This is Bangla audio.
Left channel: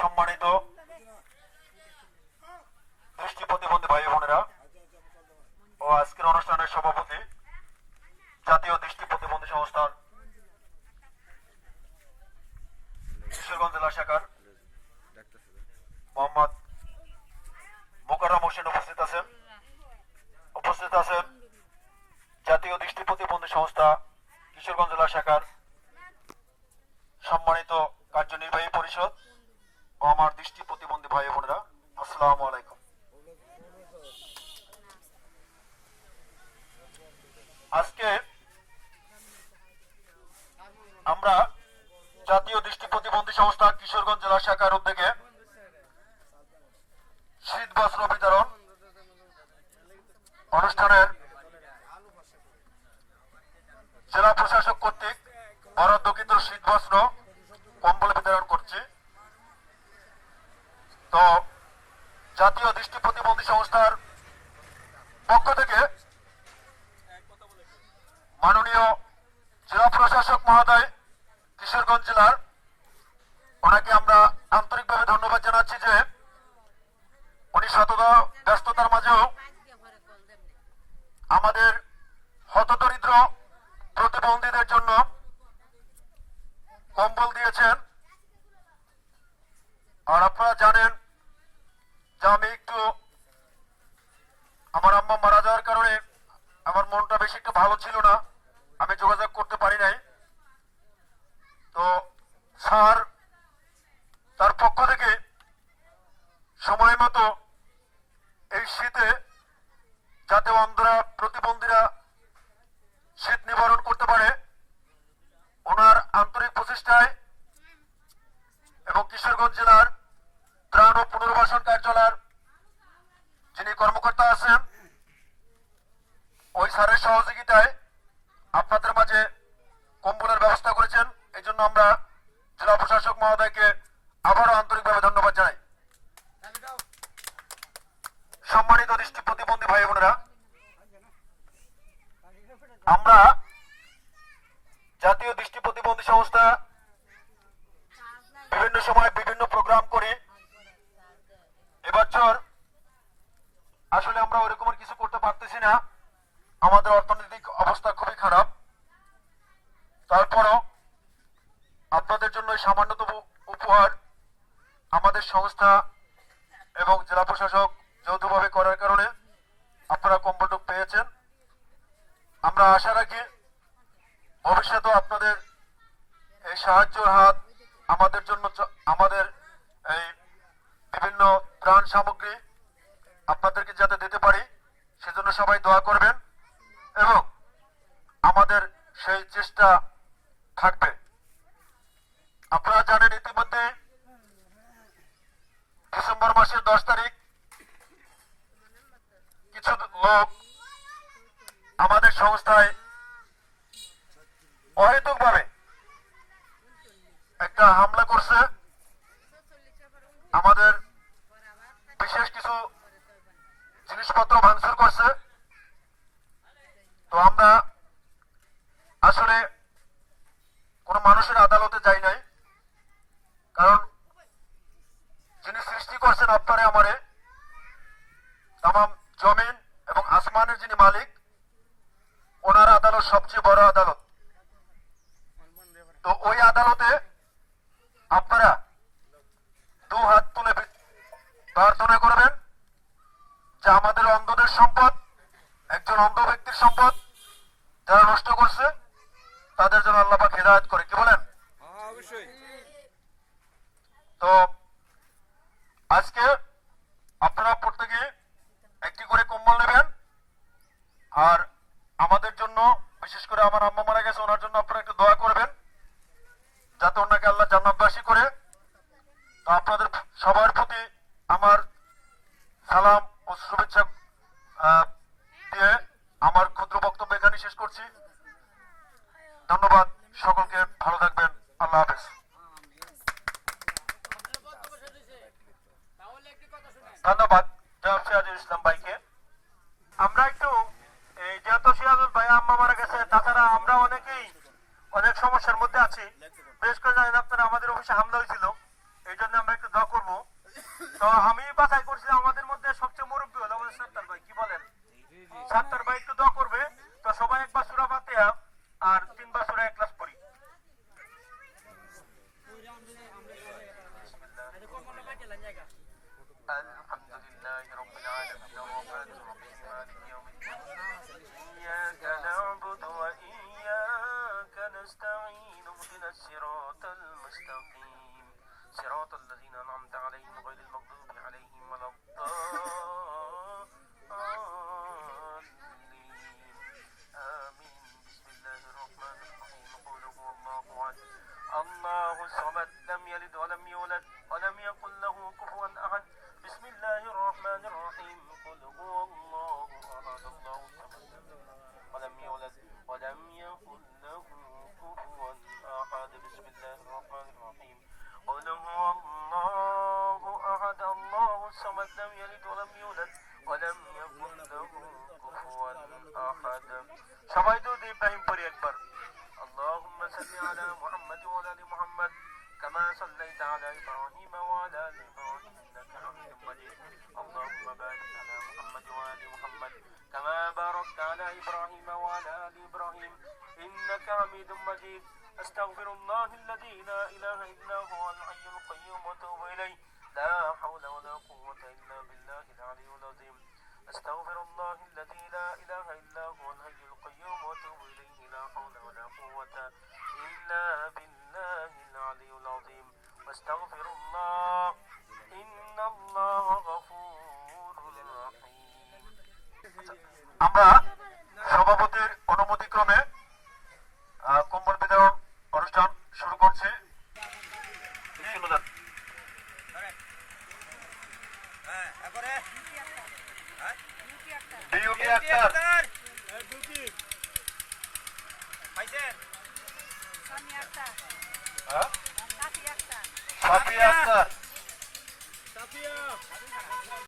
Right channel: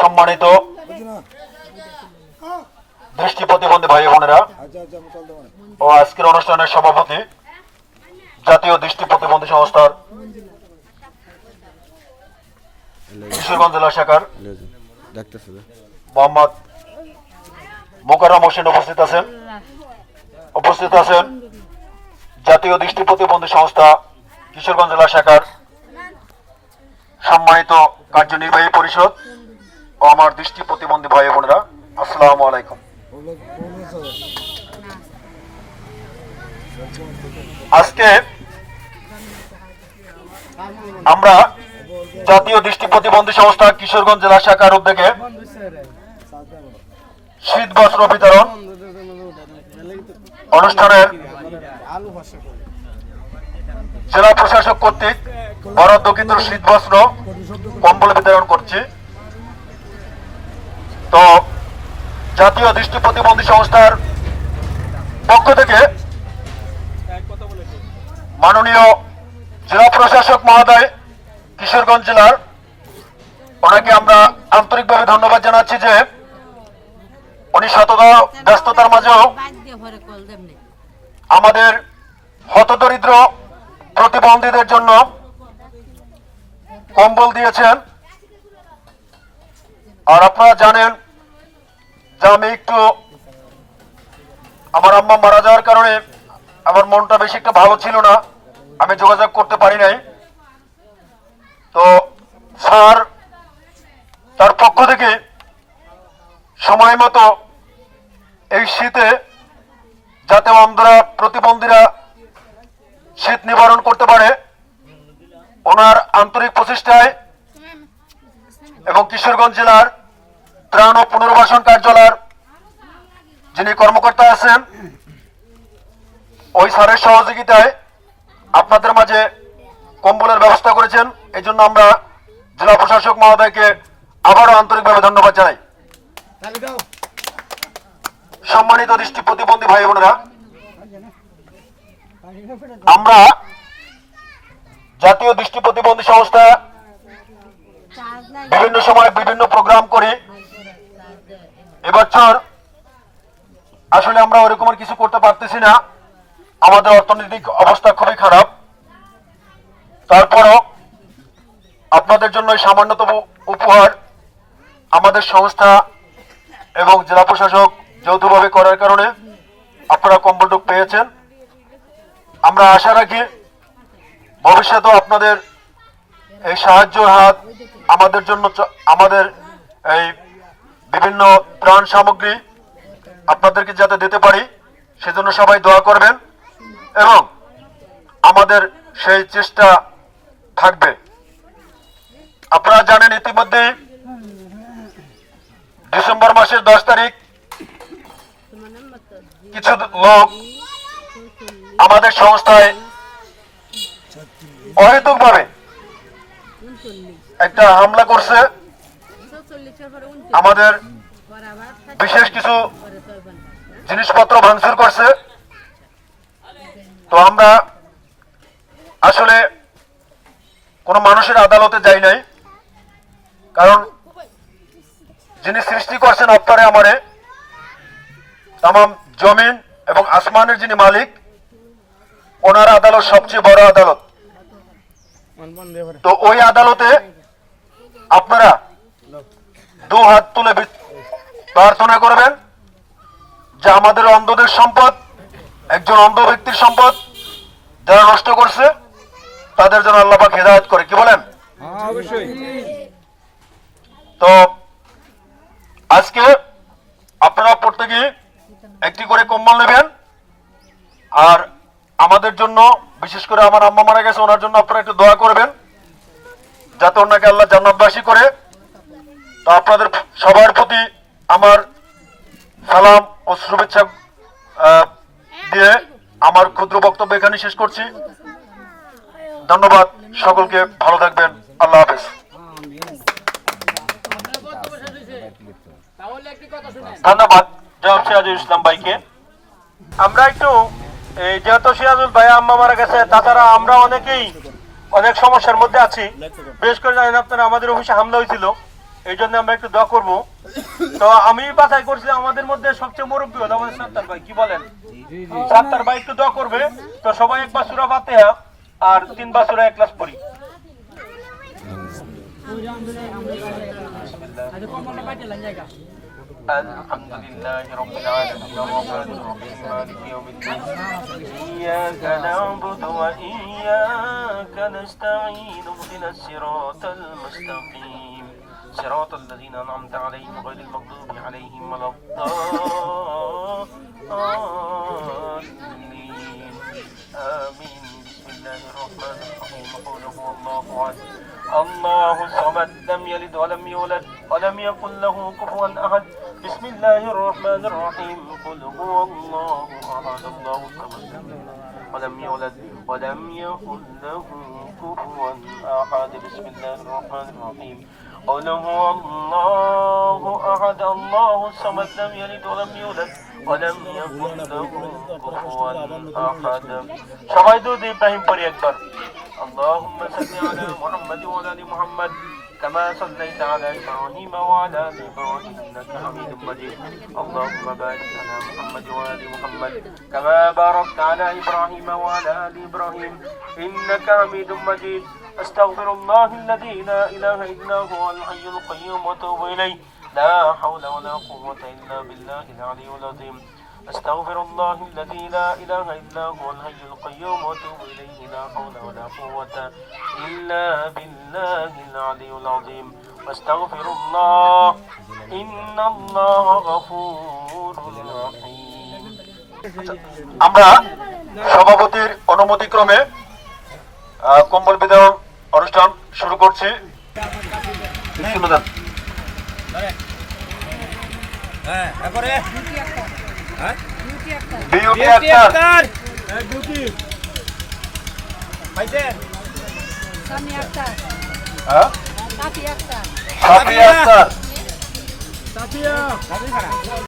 সম্মানিত দৃষ্টি প্রতিবন্ধী ভাই বোনেরা ও আজকের অনুষ্ঠানের সভাপতি জাতীয় দৃষ্টি প্রতিবন্ধী সংস্থার কিশোরগঞ্জ জেলা শাখার মোহাম্মদ মোকাররম হোসেন উপস্থিত আছেন জাতীয় দৃষ্টি প্রতিবন্ধী সংস্থা কিশোরগঞ্জ জেলা শাখার সম্মানিত কার্যনির্বাহী পরিষদ ও আমার দৃষ্টি প্রতিবন্ধী ভাই বোনেরা, আসসালামু আলাইকুম। আজকে আমরা জাতীয় দৃষ্টি প্রতিবন্ধী সংস্থা কিশোরগঞ্জ জেলা শাখার উদ্যোগে শীত বস্ত্র বিতরণ অনুষ্ঠানের জেলা প্রশাসক কর্তৃক বরাদ্দকৃত শীত বস্ত্র কম্বল বিতরণ করছি। তো জাতীয় দৃষ্টি প্রতিবন্ধী সংস্থার পক্ষ থেকে মাননীয় জেলা প্রশাসক মহোদয় কিশোরগঞ্জ জেলার, ওনাকে আমরা আন্তরিকভাবে ধন্যবাদ জানাচ্ছি যে উনি শততা ব্যস্ততার মাঝেও আমাদের হতদরিদ্র প্রতিবন্ধীদের জন্য কম্বল দিয়েছেন। আর আপনারা জানেন যে আমি একটু আমার আম্মা মারা যাওয়ার কারণে আমার মনটা বেশি একটা ভালো ছিল না, আমি যোগাযোগ করতে পারি নাই। তো স্যার তার পক্ষ থেকে সময় মতো এই শীতে যাতে অন্ধরা প্রতিবন্ধীরা শীত নিবারণ করতে পারে, ওনার আন্তরিক প্রচেষ্টায় এবং কিশোরগঞ্জ জেলার ত্রাণ ও পুনর্বাসন কার্যালয়ের যিনি কর্মকর্তা আছেন ওই স্যারের সহযোগিতায় আপনাদের মাঝে কম্বলের ব্যবস্থা করেছেন। এই জন্য আমরা জেলা প্রশাসক মহোদয়কে আবারও আন্তরিকভাবে ধন্যবাদ জানাই। সম্মানিত দৃষ্টি প্রতিবন্ধী ভাই বোনেরা, আমরা জাতীয় দৃষ্টি প্রতিবন্ধী সংস্থা বিভিন্ন সময় বিভিন্ন প্রোগ্রাম করি। এবছর আসলে আমরা ওরকম কিছু করতে পারতেছি না, আমাদের অর্থনৈতিক অবস্থা খুবই খারাপ। তারপরও আপনাদের জন্য সামান্যতম উপহার আমাদের সংস্থা এবং জেলা প্রশাসক যৌথভাবে করার কারণে আপনারা কম্বলটুক পেয়েছেন। আমরা আশা রাখি ভবিষ্যতেও আপনাদের এই সাহায্য হাত আমাদের জন্য, আমাদের এই বিভিন্ন ত্রাণ সামগ্রী আপনাদেরকে যাতে দিতে পারি সেজন্য সবাই দোয়া করবেন এবং আমাদের সেই চেষ্টা থাকবে। আপনারা জানেন ইতিমধ্যে ডিসেম্বর মাসের 10 তারিখ কিছু লোক আমাদের সংস্থায় অহেতুকভাবে একটা হামলা করছে, আমাদের বিশেষ কিছু জিনিসপত্র ভাঙচুর করছে। তো আমরা আসলে কোনো মানুষের আদালতে যাই নাই, কারণ যিনি সৃষ্টি করছেন আপনারে আমারে, তামাম জমিন এবং আসমানের যিনি মালিক, ওনার আদালত সবচেয়ে বড় আদালত। তো ওই আদালতে আপনারা দু হাত তুলে প্রার্থনা করবেন যে আমাদের অন্ধদের সম্পদ, একজন অন্ধ ব্যক্তির সম্পদ যারা নষ্ট করছে তাদের জন্য আল্লাহ পাক হেদায়েত করে। কি বলেন? তো আজকে আপনারা প্রত্যেকে একটি করে কম্বল নেবেন। আর আমাদের জন্য, বিশেষ করে আমার আম্মা মারা গেছে, ওনার জন্য আপনারা একটু দোয়া করবেন যাতে ওনাকে আল্লাহ জান্নাতবাসী করে। তো আপনাদের সবার প্রতি আমার সালাম ও শুভেচ্ছা দিয়ে আমার ক্ষুদ্র বক্তব্য এখানে শেষ করছি। ধন্যবাদ সকলকে, ভালো থাকবেন, আল্লাহ হাফেজ। ধন্যবাদ জনাব সিরাজুল ইসলাম ভাইকে। আমরা একটু যেহেতু সিরাজুল ভাই আম্মা মারা গেছে, তাছাড়া আমরা অনেকেই অনেক সমস্যার মধ্যে আছি। বিশেষ করে জানেন আপনারা আমাদের অফিসে হামলা হয়েছিল, এই জন্য আমরা একটু দোয়া করবো। তো আমি বাছাই করছিলাম আমাদের মধ্যে সবচেয়ে মুরব্বী হলো আমাদের সাত্তার ভাই, কি বলেন? সাত্তার ভাই একটু দোয়া করবে। তো সবাই একবার সূরা ফাতিহা আর 3 বার সূরা ইখলাস পড়ি। الحمد لله رب العالمين الرحمن الرحيم مالك يوم الدين إياك نعبد وإياك نستعين اهدنا الصراط المستقيم صراط الذين أنعمت عليهم غير المغضوب عليهم ولا الضالين آمين بسم الله الرحمن الرحيم قل هو الله أحد الله الصمد لم يلد ولم يولد ولم يكن له كفوا أحد بسم الله الرحمن الرحيم قل هو الله أحد الله الصمد ولم يولد ولم يكن له كفوا أحد بسم الله الرحمن الرحيم قل هو الله أحد الله الصمد لم يلد ولم يولد ولم يكن له كفوا أحد সবাই দুরূদ ইব্রাহিম পড়ি একবার। اللهم صل على محمد وعلى ال محمد كما صليت على إبراهيم وعلى آل إبراهيم إنك حميد مجيد اللهم بارك على محمد وعلى آل محمد كما باركت على إبراهيم وعلى آل إبراهيم إنك حميد مجيد أستغفر الله الذي لا إله إلا هو الحي القيوم وأتوب إليه لا حول ولا قوة إلا بالله العلي العظيم أستغفر الله الذي لا إله إلا هو الحي القيوم وأتوب إليه لا حول ولا قوة إلا بالله العلي العظيم واستغفر الله إن الله غفور رحيم আমরা সভাপতির অনুমতিক্রমে কম্বল বিতরণ অনুষ্ঠান শুরু করছি। বিউটি আক্তার সামি আক্তার সাফি আক্তার সাফিয়া আক্তার